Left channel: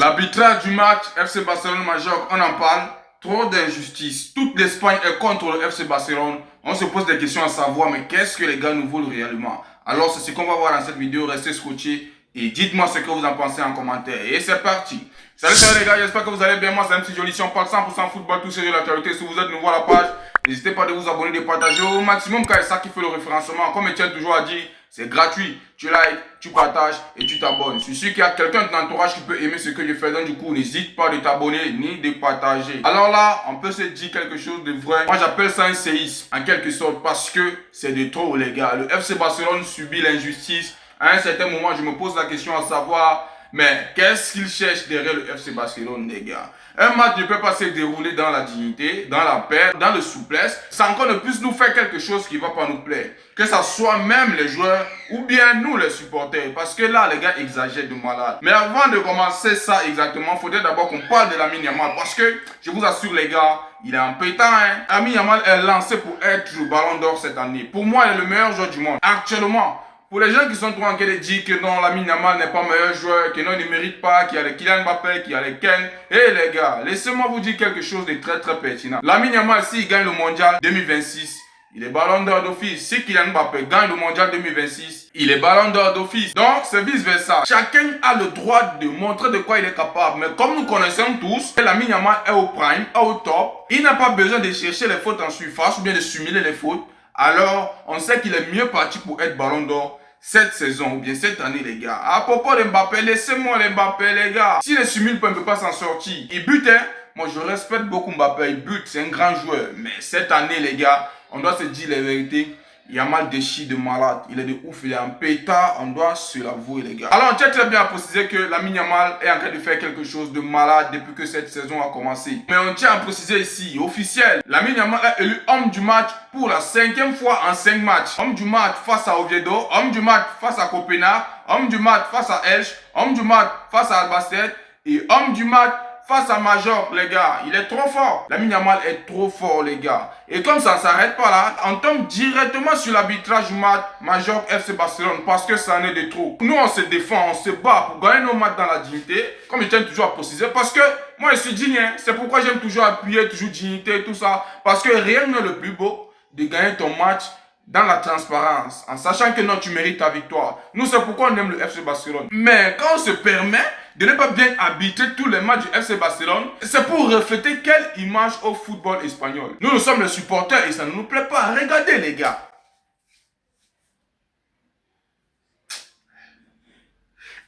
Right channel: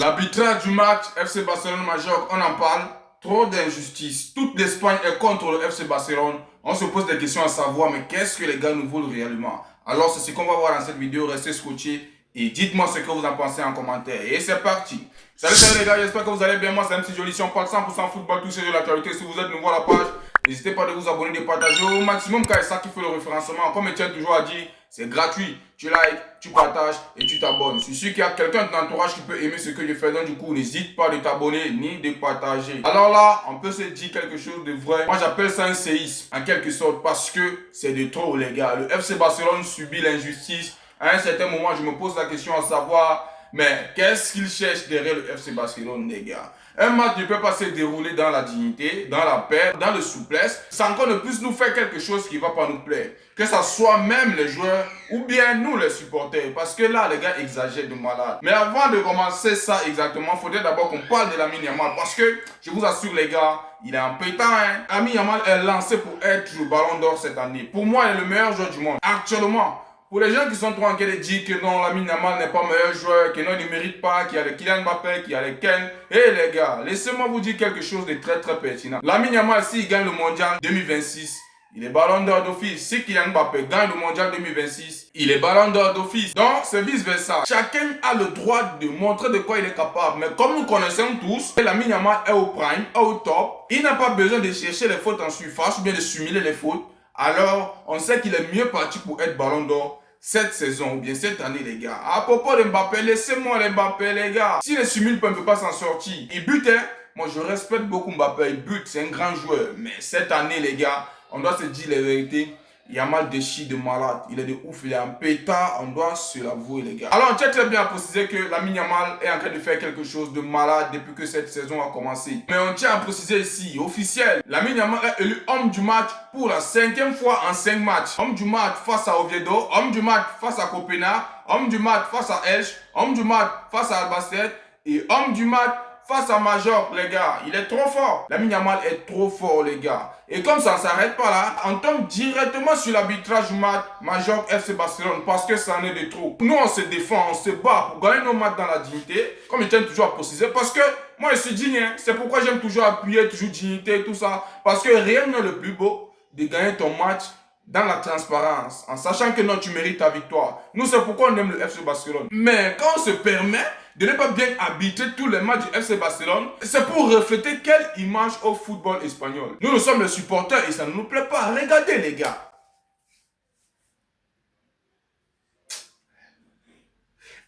L'arbitrage du match FC Barcelone-Majorque, on en parle. Trop d'injustice. Toute l'Espagne est contre le FC Barcelone. On se pose des questions à savoir, mais qu'est-ce que les gars nous veulent réellement? Alors, c'est ce qu'on va voir dans cette vidéo. Restez scotchés et dites-moi ce que vous en pensez en commentaire. Et c'est parti. Salut les gars, j'espère que vous allez bien. Moi, c'est MC Joli. Si on parle 100% football, tout c'est de l'actualité. Si vous êtes nouveau à la page, n'hésitez pas de vous abonner, de partager au maximum car c'est ça qui fait le référencement. Comme Etienne toujours a dit, c'est gratuit. Tu likes, tu partages et tu t'abonnes. Je suis sûr qu'il y a quelqu'un de ton entourage qui peut aimer ce que je fais. Donc du coup, n'hésite pas de t'abonner ni de partager. Alors là, on peut se dire quelque chose de vrai. Moi, j'appelle ça un séisme en quelque sorte parce que c'est de trop les gars. Le FC Barcelone subit l'injustice. À un certain moment, je me pose la question à savoir, mais qu'est-ce qu'ils cherchent derrière le FC Barcelone, les gars? Un match ne peut pas se dérouler dans la dignité, dans la paix, dans la souplesse, sans qu'on ne puisse nous faire quelque chose qui ne va pas nous plaire. Que ce soit même les joueurs ou bien nous les supporters. Parce que là, les gars exagèrent de malade. Mais avant de commencer ça exactement, il faudrait d'abord qu'on parle de Lamine Yamal. Parce que, je vous assure les gars, il est en pétant. Lamine Yamal est lancé pour être le ballon d'or cette année. Pour moi, il est le meilleur joueur du monde. Actuellement. Pour les gens qui sont trop inquiets de dire que non, Lamine Yamal n'est pas meilleur joueur, que non, il ne mérite pas, qu'il y a les Kylian Mbappé, qu'il y a les Ken. Eh les gars, laissez-moi vous dire quelque chose de très très pertinent. Lamine Yamal, s'il gagne le mondial 2026, il est ballon d'or d'office. Si Kylian Mbappé gagne le mondial 2026, il est ballon d'or d'office. Donc, c'est vice-versa. Chacun a le droit de montrer de quoi il est capable. Mais comme nous connaissons tous, Lamine Yamal est au prime, est au top. Il n'a pas besoin de chercher les fautes en surface ou bien de simuler les fautes. Alors, on sait qu'il est mieux parti pour être ballon d'or cette saison ou bien cette année, les gars. À propos de Mbappé, laissez-moi Mbappé, les gars. S'il ne simule pas, il ne peut pas s'en sortir. Il bute, hein. Moi, je respecte beaucoup Mbappé. Il bute, c'est un grand joueur. Mais cette année, les gars, on doit se dire la vérité. Yamal déchire de malade. Il est de ouf, il est en pétard. On doit se l'avouer, les gars. Alors, on tient très bien à préciser que Lamine Yamal est en train de faire quelque chose de malade depuis que cette saison a commencé. Mais on tient à préciser ici, officiel, Lamine Yamal est élu homme du match pour la 5e fois en 5 matchs. Homme du match face à Oviedo, homme du match face à Copenhague, homme du match face à Elche, homme du match face à Albacete et homme du match face à Majorque, les gars. Il est trop fort. Lamine Yamal est trop fort, les gars. Et comme ça ne s'arrête pas là, on tombe directement sur l'arbitrage du match Majorque FC Barcelone parce que ça en est de trop. Nous, on se défend, on se bat pour gagner nos matchs dans la dignité, comme je tiens toujours à préciser, parce que moi, je suis digne. C'est pourquoi j'aime toujours appuyer, toujours dignité, tout ça. Parce que rien n'est le plus beau de gagner ton match dans la transparence, en sachant que non, tu mérites ta victoire. Nous, c'est pourquoi on aime le FC Barcelone. Mais quand on se permet de ne pas bien arbitrer tous les matchs du FC Barcelone, c'est pour refléter quelle image au football espagnol. Nous sommes les supporters et ça ne nous plaît pas. Regardez les gars.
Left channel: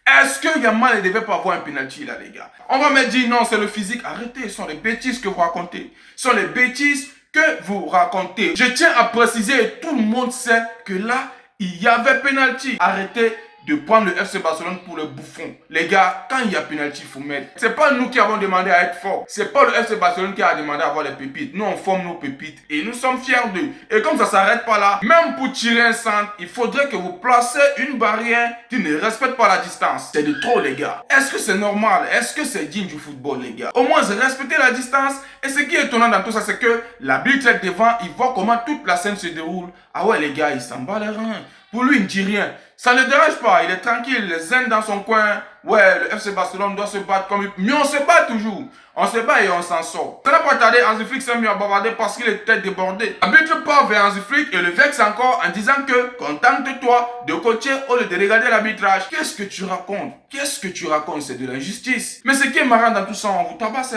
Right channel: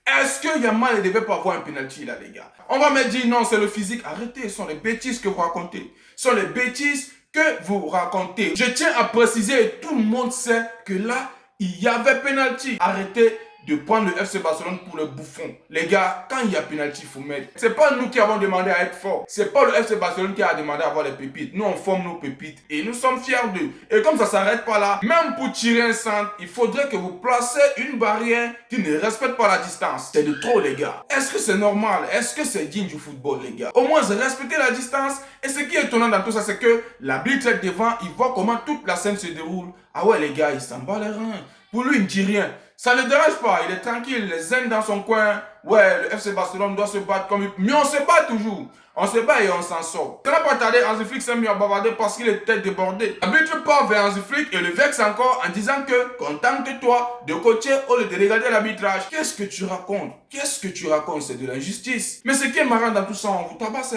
Est-ce que Yamal ne devait pas avoir un penalty là, les gars? On va me dire non, c'est le physique. Arrêtez, ce sont les bêtises que vous racontez. Ce sont les bêtises que vous racontez. Je tiens à préciser, et tout le monde sait que là, il y avait penalty. Arrêtez de prendre le FC Barcelone pour le bouffon. Les gars, quand il y a penalty, il faut mettre. C'est pas nous qui avons demandé à être forts. C'est pas le FC Barcelone qui a demandé à avoir les pépites. Nous, on forme nos pépites et nous sommes fiers d'eux. Et comme ça s'arrête pas là, même pour tirer un centre, il faudrait que vous placez une barrière qui ne respecte pas la distance. C'est de trop, les gars. Est-ce que c'est normal? Est-ce que c'est digne du football, les gars? Au moins, respecter la distance. Et ce qui est étonnant dans tout ça, c'est que l'arbitre est devant, il voit comment toute la scène se déroule. Ah ouais, les gars, il s'en bat les reins. Pour lui, il ne dit rien. Ça ne dérange pas, il est tranquille, les zen dans son coin. Ouais, le FC Barcelone doit se battre comme... Mais on se bat toujours. On se bat et on s'en sort. Ça n'a pas tardé, Hansi Flick s'est mis à bavarder parce qu'il était débordé. L'arbitre part vers Hansi Flick et le vexe encore en disant que contente-toi de coacher au lieu de regarder l'arbitrage. Qu'est-ce que tu racontes? Qu'est-ce que tu racontes? C'est de l'injustice. Mais ce qui est marrant dans tout ça, on vous tabasse.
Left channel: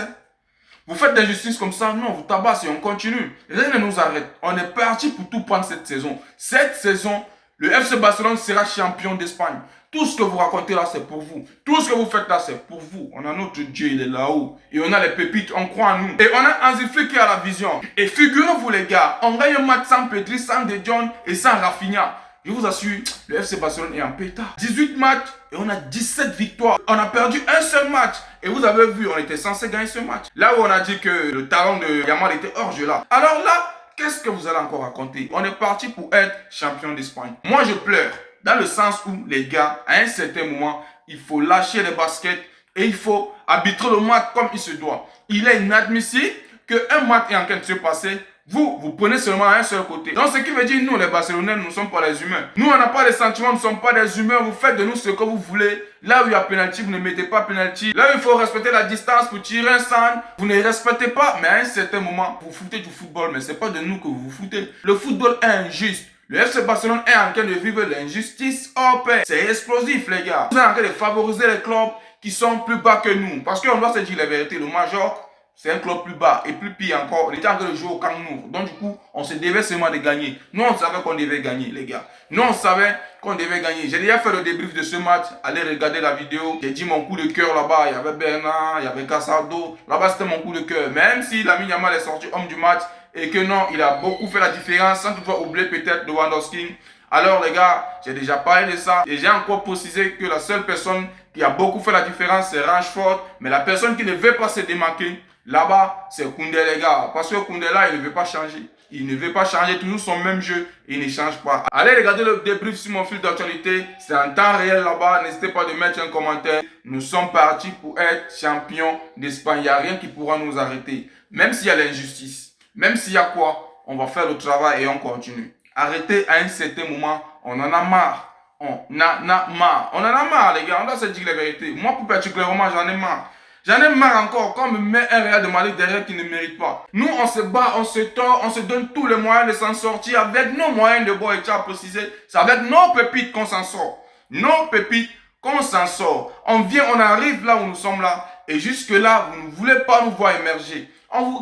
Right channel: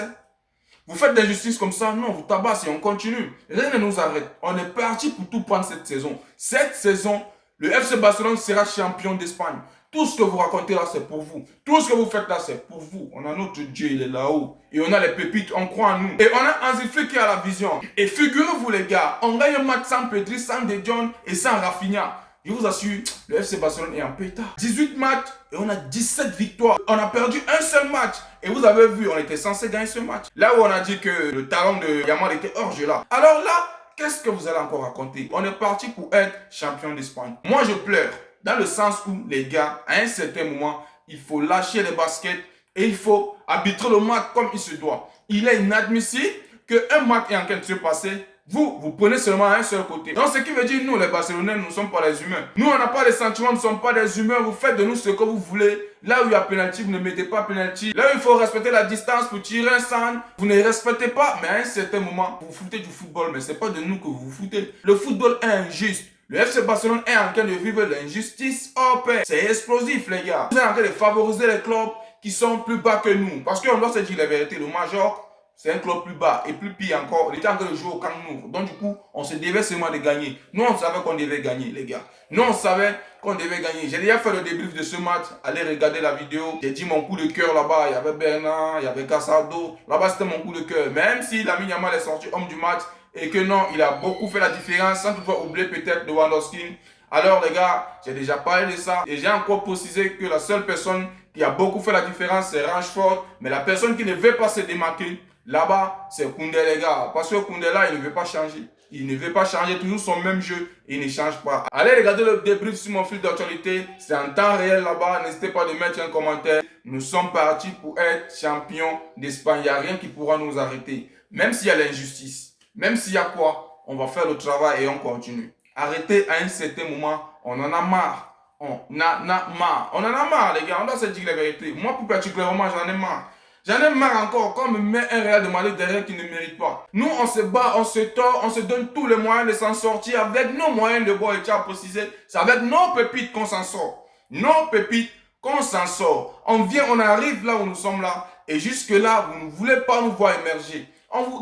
Vous faites des justices comme ça, non, vous tabasse et on continue. Rien ne nous arrête. On est parti pour tout prendre cette saison. Cette saison, le FC Barcelone sera champion d'Espagne. Tout ce que vous racontez là, c'est pour vous. Tout ce que vous faites là, c'est pour vous. On a notre Dieu, il est là-haut. Et on a les pépites, on croit en nous. Et on a Hansi Flick qui a la vision. Et figurez-vous les gars, on gagne un match sans Pedri, sans De Jong et sans Rafinha. Je vous assure, le FC Barcelone est en pétard. 18 matchs et on a 17 victoires. On a perdu un seul match. Et vous avez vu, on était censé gagner ce match. Là où on a dit que le talent de Yamal était hors jeu là. Alors là, qu'est-ce que vous allez encore raconter? On est parti pour être champion d'Espagne. Moi, je pleure. Dans le sens où, les gars, à un certain moment, il faut lâcher les baskets et il faut arbitrer le match comme il se doit. Il est inadmissible qu'un match est en train de se passer. Vous prenez seulement un seul côté. Donc, ce qui veut dire, nous, les Barcelonais, nous ne sommes pas des humains. Nous, on n'a pas de sentiments, nous ne sommes pas des humains. Vous faites de nous ce que vous voulez. Là où il y a penalty, vous ne mettez pas penalty. Là où il faut respecter la distance pour tirer un stand, vous ne respectez pas. Mais à un certain moment, vous foutez du football. Mais ce n'est pas de nous que vous vous foutez. Le football est injuste. Le FC Barcelone est en train de vivre l'injustice hors pair. C'est explosif, les gars. Vous êtes en train de favoriser les clubs qui sont plus bas que nous. Parce qu'on doit se dire la vérité. Le Majorque, c'est un club plus bas. Et plus pire encore, on était en train de jouer au Camp Nou. Donc du coup, on se devait seulement de gagner. Nous, on savait qu'on devait gagner, les gars. Nous, on savait qu'on devait gagner. J'ai déjà fait le débrief de ce match. Allez regarder la vidéo. J'ai dit mon coup de cœur là-bas. Il y avait Bernard, il y avait Casado. Là-bas, c'était mon coup de cœur. Même si Lamine Yamal est sorti homme du match et que non, il a beaucoup fait la différence, sans toutefois oublier peut-être Lewandowski. Alors les gars, j'ai déjà parlé de ça et j'ai encore précisé que la seule personne qui a beaucoup fait la différence, c'est Rashford. Mais la personne qui ne veut pas se démarquer, là-bas, c'est Koundé, les gars. Parce que Koundé, là, il ne veut pas changer. Il ne veut pas changer toujours son même jeu. Il ne change pas. Allez regarder le débrief sur mon fil d'actualité. C'est en temps réel là-bas. N'hésitez pas de mettre un commentaire. Nous sommes partis pour être champions d'Espagne. Il n'y a rien qui pourra nous arrêter. Même s'il y a l'injustice. Même s'il y a quoi, on va faire le travail et on continue. Arrêtez à un certain moment. On en a marre. On en a marre. On en a marre, les gars. On doit se dire la vérité. Moi, plus particulièrement, j'en ai marre. J'en ai marre encore quand on me met un Real de Madrid derrière qui ne mérite pas. Nous, on se bat, on se tord, on se donne tous les moyens de s'en sortir avec nos moyens de bois et tu as précisé. C'est avec nos pépites qu'on s'en sort. Nos pépites qu'on s'en sort. On vient, on arrive là où nous sommes là. Et jusque là, vous ne voulez pas nous voir émerger.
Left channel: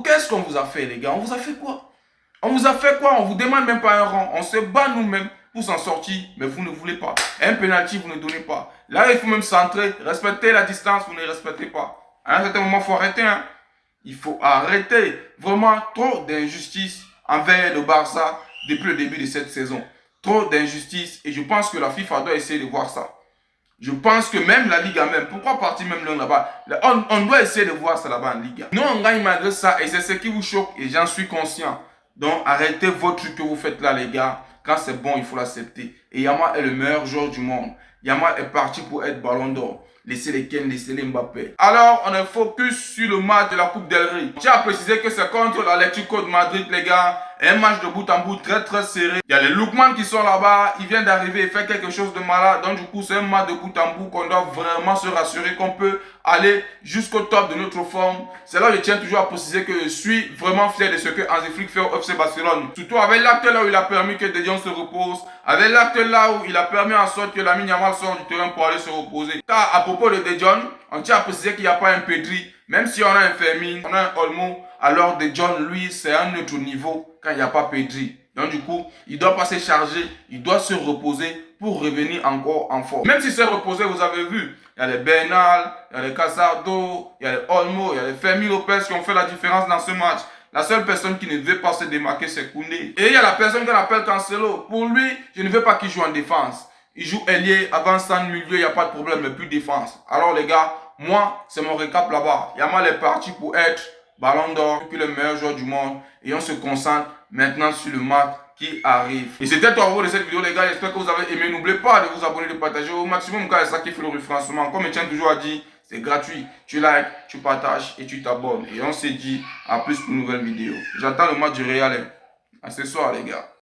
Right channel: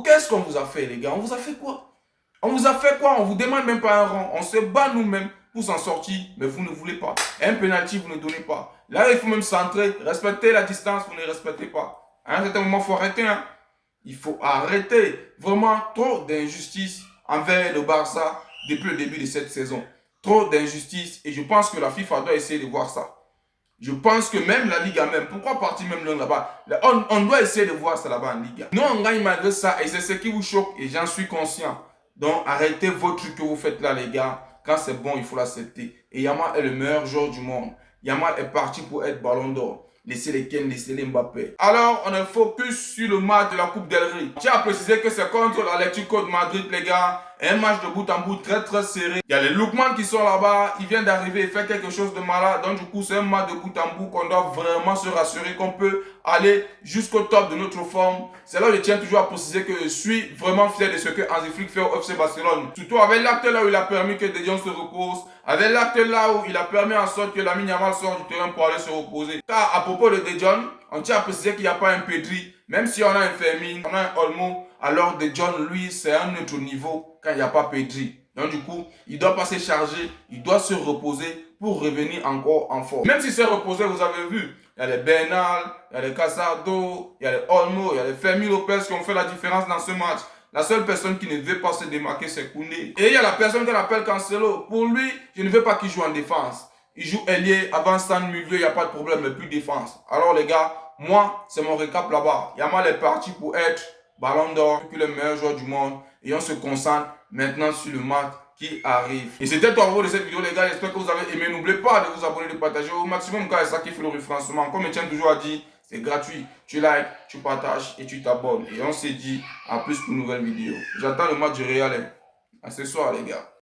Qu'est-ce qu'on vous a fait, les gars? On vous a fait quoi? On vous a fait quoi? On vous demande même pas un rang. On se bat nous-mêmes pour s'en sortir, mais vous ne voulez pas. Un penalty, vous ne donnez pas. Là, il faut même centrer, respecter la distance, vous ne respectez pas. À un certain moment, il faut arrêter. Hein. Il faut arrêter. Vraiment, trop d'injustice envers le Barça depuis le début de cette saison. Trop d'injustice. Et je pense que la FIFA doit essayer de voir ça. Je pense que même la Liga même, pourquoi partir même là-bas? On doit essayer de voir ça là-bas en Liga. Nous, on gagne malgré ça et c'est ce qui vous choque et j'en suis conscient. Donc, arrêtez votre truc que vous faites là, les gars. Quand c'est bon, il faut l'accepter. Et Yamal est le meilleur joueur du monde. Yamal est parti pour être ballon d'or. Laissez les Ken, laissez les Mbappé. Alors, on est focus sur le match de la Coupe del Rey. J'ai à préciser que c'est contre l'Atlético de Madrid, les gars. Un match de bout en bout très très serré. Il y a les Lookman qui sont là-bas. Ils viennent d'arriver et faire quelque chose de malade. Donc du coup, c'est un match de bout en bout qu'on doit vraiment se rassurer qu'on peut aller jusqu'au top de notre forme. C'est là où je tiens toujours à préciser que je suis vraiment fier de ce que Hansi Flick fait au FC Barcelone. Surtout avec l'acte là où il a permis que De Jong se repose. Avec l'acte là où il a permis en sorte que Lamine Yamal sorte du terrain pour aller se reposer. Car à propos de De Jong, on tient à préciser qu'il n'y a pas un Pedri. Même si on a un Fermin, on a un Olmo, alors De Jong, lui, c'est un autre niveau quand il n'y a pas Pedri. Donc du coup, il doit pas se charger, il doit se reposer pour revenir encore en forme. Même si c'est reposé, vous avez vu, il y a les Bernal, il y a les Casado, il y a les Olmo, il y a les Fermin Lopez qui ont fait la différence dans ce match. La seule personne qui ne veut pas se démarquer, c'est Koundé. Et il y a la personne qu'on appelle Cancelo. Pour lui, je ne veux pas qu'il joue en défense. Il joue ailier, avant-centre, milieu, il n'y a pas de problème, mais plus défense. Alors les gars, moi, c'est mon récap là-bas. Yamal est parti pour être ballon d'or, puis le meilleur joueur du monde. Et on se concentre maintenant sur le match qui arrive. Et c'était tout à propos de cette vidéo, les gars. J'espère que vous avez aimé. N'oubliez pas de vous abonner, de partager au maximum car c'est ça qui fait le référencement. Comme je tiens toujours à dire, c'est gratuit. Tu likes, tu partages et tu t'abonnes. Et on se dit à plus pour une nouvelle vidéo. J'attends le match du Real. À ce soir, les gars.